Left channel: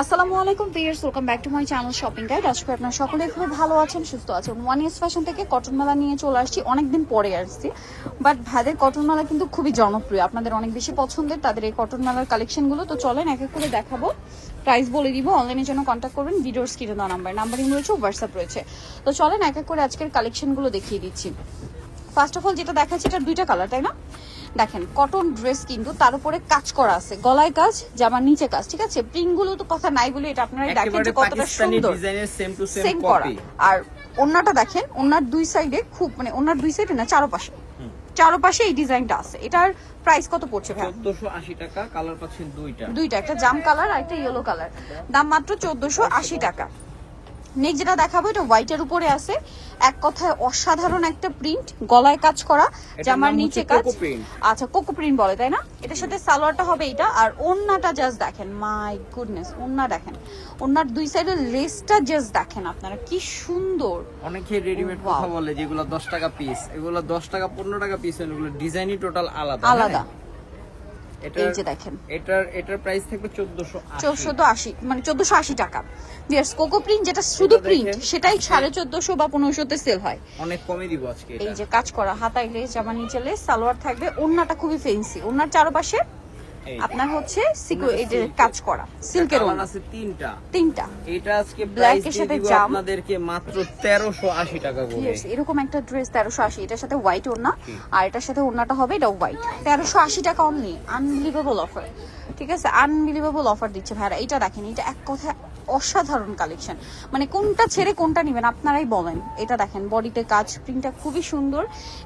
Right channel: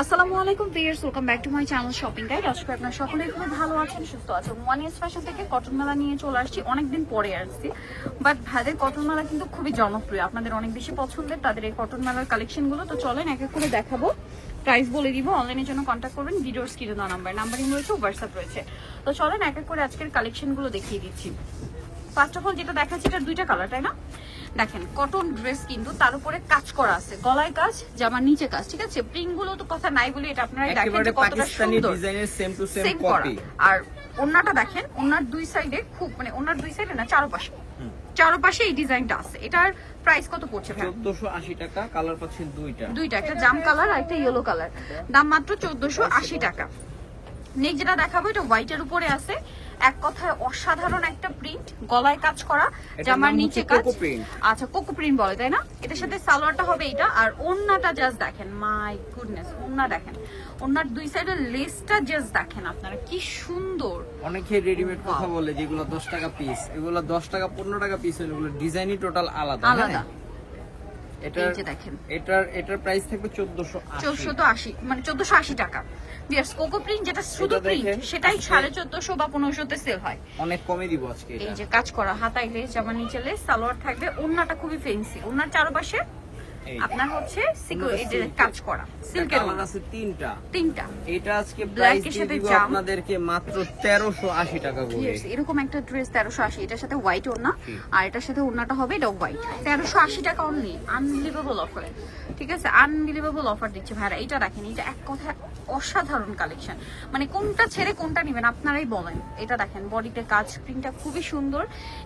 আসসালামু আলাইকুম viewers, welcome back to my channel shopping guide. আশা করি আপনারা সকলেই খুব ভালো আছেন, সুস্থ আছেন। ওয়ান ইস ফ্যাশন থেকে কটন মেলা নিয়ে চলে আসছি, অনেকদিন পরে আসছি, বাট ভাইদের কটন মেলা কিন্তু খুবই জনপ্রিয়, আপনাদের অনেক বেশি পছন্দের তাদের এই কটন মেলার কালেকশনগুলো। তো চলেন এক এক করে দেখাবো, প্রাইস বলে দিব। অনলাইনের জন্য কন্ট্যাক্ট করবেন, ভিডিওর স্ক্রিনে দেওয়া নাম্বারিং রয়েছে, হোয়াটসঅ্যাপ রয়েছে। তো চলেন এক এক করে আজকের কালেকশনগুলো দেখিয়ে দিচ্ছি। ফার্স্ট অফ অল যেটা দেখাচ্ছে, এটা দুইটা কালার, তাই না? দেখেন কটন ড্রেস, কিন্তু তার উপরে কাজ করা আছে, গলায় কাজ, জামার নিচে কাজ, ঠিক আছে। প্রিন্ট গুলো তো কথা নাই বলে এটা আপনারা দেখেন যে কতটা সুন্দর, সেম টু সেম কপি। আর ওন্নাটা দেখেন, ওন্নার দুই সাইডে খুব মানে ওন্নার দুই সাইডে না চারপাশে এই ডিজাইনটা আছে। এটার প্রাইস কত পড়ছে ভাই? 1480 টাকা। কালার পাচ্ছেন দুইটা, একটা জাম কালার আর একটা ইয়েলো কালার, দাম মাত্র 1480 টাকা। নেক্সট যেটা দেখাবো, এটা হোয়াইটের উপরে আছে, এক কথায় অসাধারণ একটা প্রিন্ট, গলায় কাজ করা, জামার নিচে কাজ। আচ্ছা, কোকো প্রিন্ট বলে, তাই না? এটার সাথে সালোয়ারটা হবে এটা, আর ওন্নাটা জাস্ট দেখেন, মাই গুডনেস, ওন্না দেখেন, ওন্নার দুই সাইডের লেসটা জাস্ট দেখেন আপনারা, কি সুন্দর। অনেকে রেডিমেড কথা বলে যেগুলো 10 টাকা পিস, এগুলো 10 টাকা 15 টাকা পিস, এগুলো ডিজাইনই টোটাল আলাদা। এটার প্রাইস থাকবে 1480, মানে 1480 টাকা। यस, কোকো প্রিন্ট যেটা শুধু প্রিন্ট, সেটাই 1450 বা 1500 তে সেল হয়। অনেক কমে দিব আজকে। এই যে কাজ করা, হাতায় লেস, জামার নিচে লেস, সালোয়ার থাকবে, ওন্নাটা খুবই ফ্যান্সি, ওন্নার চারপাশে আপনার হচ্ছে কাজ করা সিল্কের ওন্না আছে তিনটা। এটা আজকে প্রাইস দিয়ে দিব আপনাদেরকে মাত্র 1380 টাকা করে। এরকম একটা ড্রেস 1380, এটার সাথে হোয়াইট ওন্না, আর এটার সাথে ওন্নাটা হবে এটা হোয়াইট। 1380 টাকা অনলি, আনবিলিভেবল অফার, ঠিক আছে, আনবিলিভেবল অফার দিচ্ছে ভাইরা। এটা দেখেন, এটা এক কথা অসাধারণ কালেকশন, মানে কোনটা ছেড়ে কোনটা নেবেন আপনারাই বলেন। এটা দেখেন, বডিতে কাজ, প্রিন্টটা খুবই সুন্দর,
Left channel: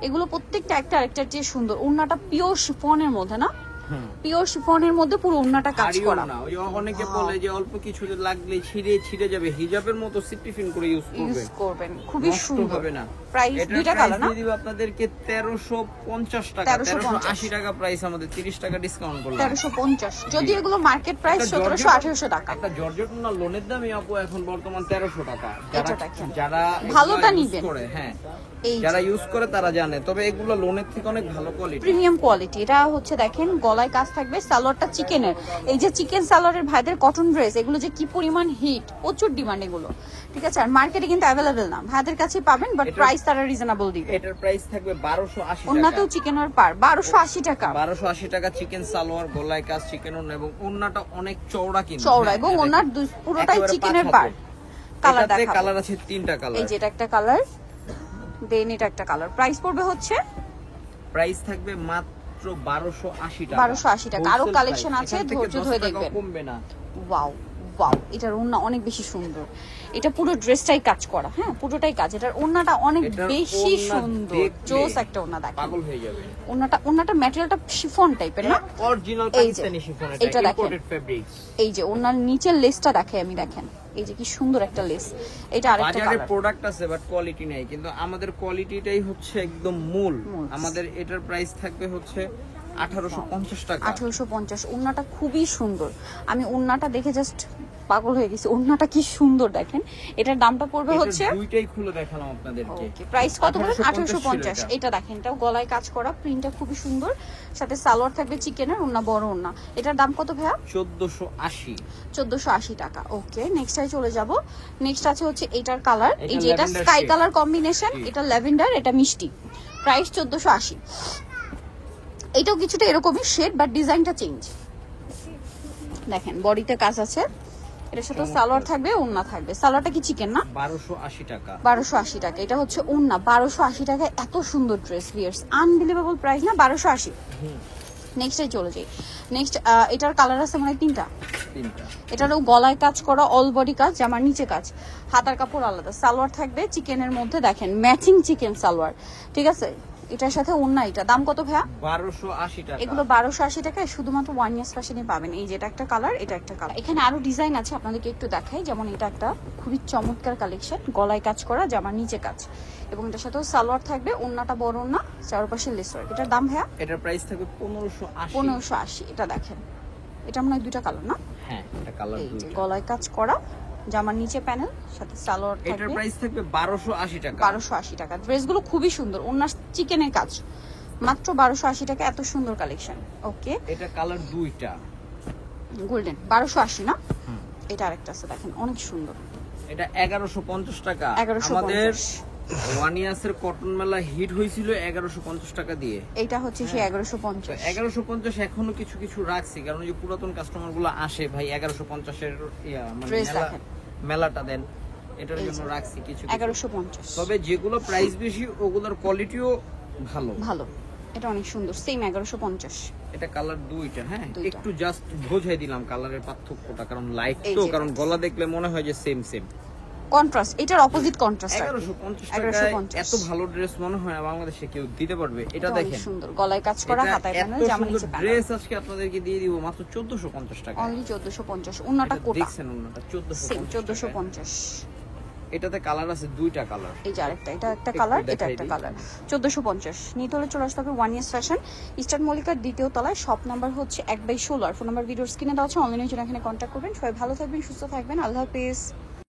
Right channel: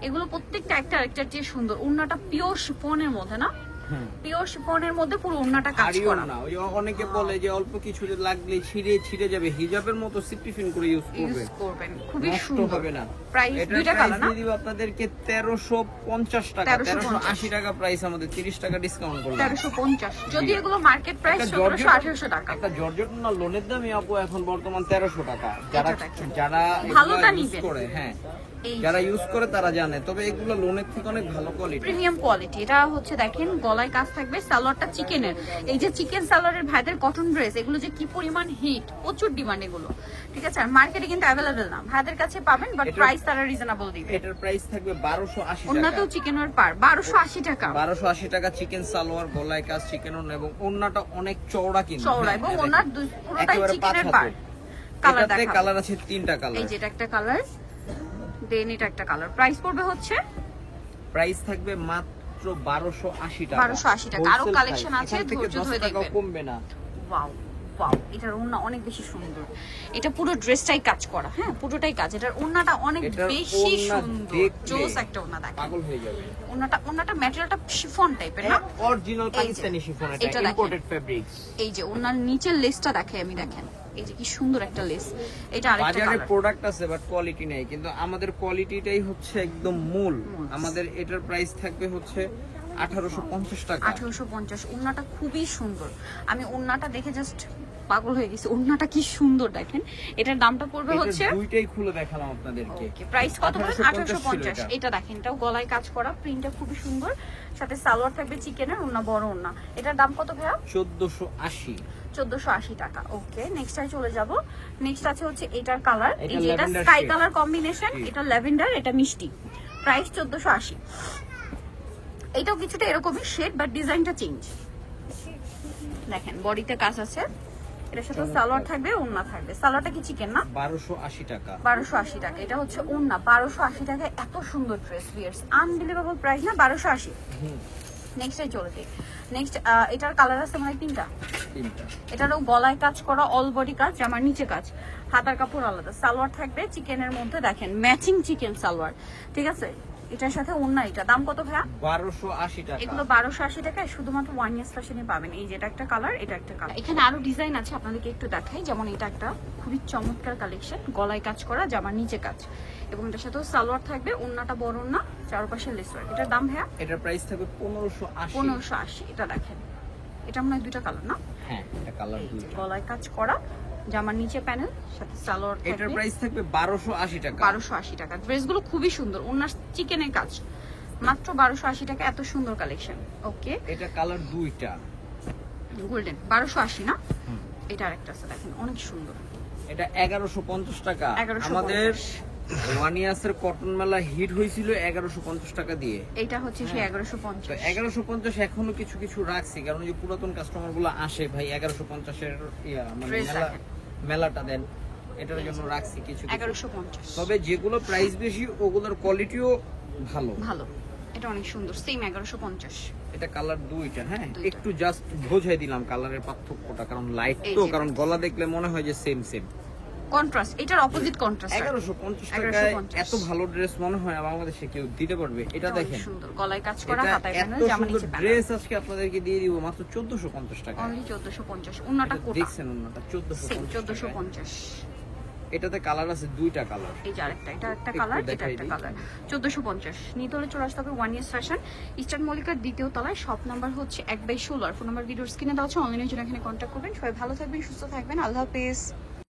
এগুলো প্রত্যেকটা একটা আরেকটার চেয়ে সুন্দর। ওন্নাটা পিওর শিফনের মধ্যে, না পিওর শিফনের মধ্যে পুরো ওন্নাটা কাজ করা না। ওই অনেকে বলে যে অল্প কিছু লাগলে ছিঁড়ে যাবে, হিজাবের মতো সিপটিফিন করে ইউজ করবেন, খুবই সুন্দর হবে না। প্রাইস দুইটা কালার না, দিয়ে দিব আপনাদেরকে 1350 টাকা, 1380 টাকা প্রাইস, আমাদের 30 টাকা ডিসকাউন্ট করলাম, 1350। যদি এগুলো মার্কেট প্রাইস 1700-1800 টাকা। একটা জর্জেট না লোনের দামই আপু এখন বর্তমান 1300 টাকা। যারা ভালোটা নিবেন করে, হ্যাঁ যারা ইউজ করে তারা জানে, তবে এগুলো লোনের থেকে অনেক ভালো কোয়ালিটি, প্রিমিয়াম কোয়ালিটি। এটা হচ্ছে দেখেন, গলায় কাজ থাকবে, সালোয়ারটা চিকেনের, এই যে চিকেন সালোয়ারের ভাইদের কটন ড্রেস, এগুলো যে কি পরিমাণ হিট, প্রচুর ডিমান্ড এগুলো, ঠিক আছে। আর মার্কেটে কিন্তু অ্যাভেলেবেল না, ভাইদের কাছে পাবেন, বাট প্রাইস তারা রিজনেবল দিবে। এটার প্রাইস থাকবে 1280 টাকা। ওন্নাতেও চিকেনের পার 1280 টাকা, 1280 টাকা। চিকেন সালোয়ার, গলায় কাজ, চিকেন ওন্না, এবং ওন্নাটা অনেক চওড়া, কিন্তু চওড়া, এবং ওন্নার পুরোটাই চিকেনের পার। কালারতে কালার আছে তিনটা কালার, এই যে এটা একটা কালার, দেন এটা একটা কালার। প্রাইস পড়বে হচ্ছে, প্রাইস থাকবে মাত্র 1280 টাকা। 1280 টাকা। আরো কালেকশন আছে, ধৈর্য ধরে দেখবেন, কমবে না। ওয়াও ওয়াও, এটার ওন্না অনেক বেশি সুন্দর, এটা পুরো ড্রেসটাই কাজ করা, হ্যাঁ পুরোটাই কাজ। এটার ওন্নাটা অনেক বেশি সুন্দর, জোস একটা ওন্না, দেখেন পাগল হয়ে যাবে। ওন্নাটা ম্যাটেরিয়ালটা শিফন টাইপের, না অরিজিনাল পাকিস্তানি শিফন, এটা ইম্পোর্টেড ফেব্রিক। এই যে ওন্নার নিচের লেসটা দেখেন, এই যে কি সুন্দর একটা লেস। এটা আরেকটা কালার। বাজারে প্রোডাক্ট আছে বাট কোয়ালিটি নাই, কিন্তু আমাদের কোয়ালিটিটাই হচ্ছে একদম মূল। আমাদের এটার প্রাইস থাকবে হচ্ছে 1850 টাকা। 1850। ওন্নাটা খুবই সুন্দর, আমি ওন্নাটা দেখে জাস্ট পাগল হয়ে গেছি, ওন্নাটা কি সুন্দর দেখেন। এটার দামটা পড়বে হচ্ছে, দুইটাই খুলে দেখালাম আপনাদেরকে, প্রাইস কত পড়বে? 1850। এটা দেখেন, এটাও গলায় কাজ করা, প্রিন্টটা খুবই সুন্দর, সাথে সালোয়ার থাকবে চিকেনের, ওন্না বড় ওন্না। এটার দাম কত ভাইয়া? 1480 টাকা। ওকে, নেক্সট টাই চলে যাব। নেক্সট আছে হচ্ছে এটার কালার, এই যে এটা স্কাই কালার কম্বিনেশন, এটা ল্যাভেন্ডার, এটা মিষ্টি, প্রাইস 1480। এটাও কিছুটা এরকমই শেড, বাট ডিজাইনটা চেঞ্জ। দেখেন বডিতে কাজ আছে, এর সাথে সালোয়ার থাকবে, ওন্না থাকবে। সালোয়ারটা কি চিকেন না? 1280 টাকা। 1280 টাকা। এটা হচ্ছে ওন্না, 1280 টাকা। এত সুন্দর ড্রেস, ভিউয়ার্স, আনবিলিভেবল প্রাইস না? 1280। নেক্সটে চলে যাই। নেক্সট এটার কালার আছে মানে তিনটা। এটারও গলায় কাজ করা, অল বডি কাজ, জামার নিচে কাজ, হাতার কাপড় আলাদা, সালোয়ার থাকবে চিকেনের মধ্যে, দেখেন ম্যাচিং চিকেন সালোয়ার, ঠিক আছে। এটার সাথে ওন্না, এটা দাম কত ভাইয়া? 1280 টাকা। এগুলো 1280 টাকায় শুধুমাত্র ওয়ান ইয়ার্স ফ্যাশনে পাবেন। এই যে এটা একটা কালার, এটা একটা কালার। এখানে আরো ডিজাইন আছে, আপনাদেরকে একটু দেখাই। যেমন এটা একটা খুবই চমৎকার কালেকশন, গলায় কাজ করা, জামার নিচে কাজ, এবং এটার সাথেও সালোয়ার থাকবে, ওন্নাটা বড় ওন্না, চারপাশে লেস ওয়ার্ক। এটার দাম ভাইয়া? এটার প্রাইস থাকবে 1580। 1580। এটা দেখেন, এটা মনে হয় দুটো কালার, না? হ্যাঁ, এটা কালার দুটো। গলায় কাজ করা, জামার নিচে প্যানেল, সাথে সালোয়ার থাকবে। এটার প্রাইস থাকবে 1280 টাকা। 1280 টাকা। ড্রেসগুলো খুবই সুন্দর, ওন্নার চিকেনের কাজ, মাত্র 1280 টাকা। এত সুন্দর কালেকশন। ওকে, এটা কালার দুইটা, গোল্ডেন, 1280 না? এটা আরেকটা আছে দেখেন অনেক সুন্দর, এটা 1150 টাকা। 1150 আমাদের ওয়ানিয়াসের কটন মেলা হিট হয়েছিল 1150 টাকা দিয়ে। এটা হচ্ছে সেই 1150। তো 1150 এখনো কিছু কিছু রাখছি, কারণ যে পুরাতন কাস্টমার গুলো আসে ভাই 1150 এর মানে Dress মেলাটা দেন, এটার জন্য রাখছি কিছু কিছু। 1150। তবে যেগুলো প্রাইস বেশি ওগুলোর কোয়ালিটিও ভালো ভালো, এটা অনেক সুন্দর, সেম 1150। এটা কালার দুইটা, হ্যাঁ দুইটা। একটু জাস্ট বোঝাই দিলাম কালারের পার্থক্যটা, কারণ লাইট এই তো, যে কারণ গলা দেখলে মনে হয় যে সেম সেম। কন্ট্রাস্ট, এটার অপোজিট কন্ট্রাস্ট। 1150 টাকায় এত ভালো ড্রেস মনে হয় না বাংলাদেশে কেউ দিতে পারবে। এটা দেখেন সুন্দর, গলায় কাজ করা, এটা হাতায় এত প্যানেল, জামা সুন্দর নিচে প্যানেল। ড্রেস আজকে আপনাদেরকে দিয়ে দিব মাত্র 1450 টাকা। অনলি 1450। ওন্নাটা কোটা দেখছেন ওন্নাটা 1450 1450। এটাতে কালার আছে দুইটা কালার। এই যে আরেকটা, এটা একটা কালার, এটা একটা কালার। 1450 নিতে হলে চলে আসতে হবে ওয়ান ইয়ার্স ফ্যাশন, ইস্টার্ন মল্লিকার দ্বিতীয় তলায়, শপ নাম্বার হচ্ছে 1/16। ফোন নাম্বার ভিডিওর স্ক্রিনে দেওয়া আছে, অনলাইনের জন্য এখানে কন্ট্যাক্ট করবেন। সবাই ভালো থাকবেন, সুস্থ থাকবেন, আল্লাহ হাফেজ।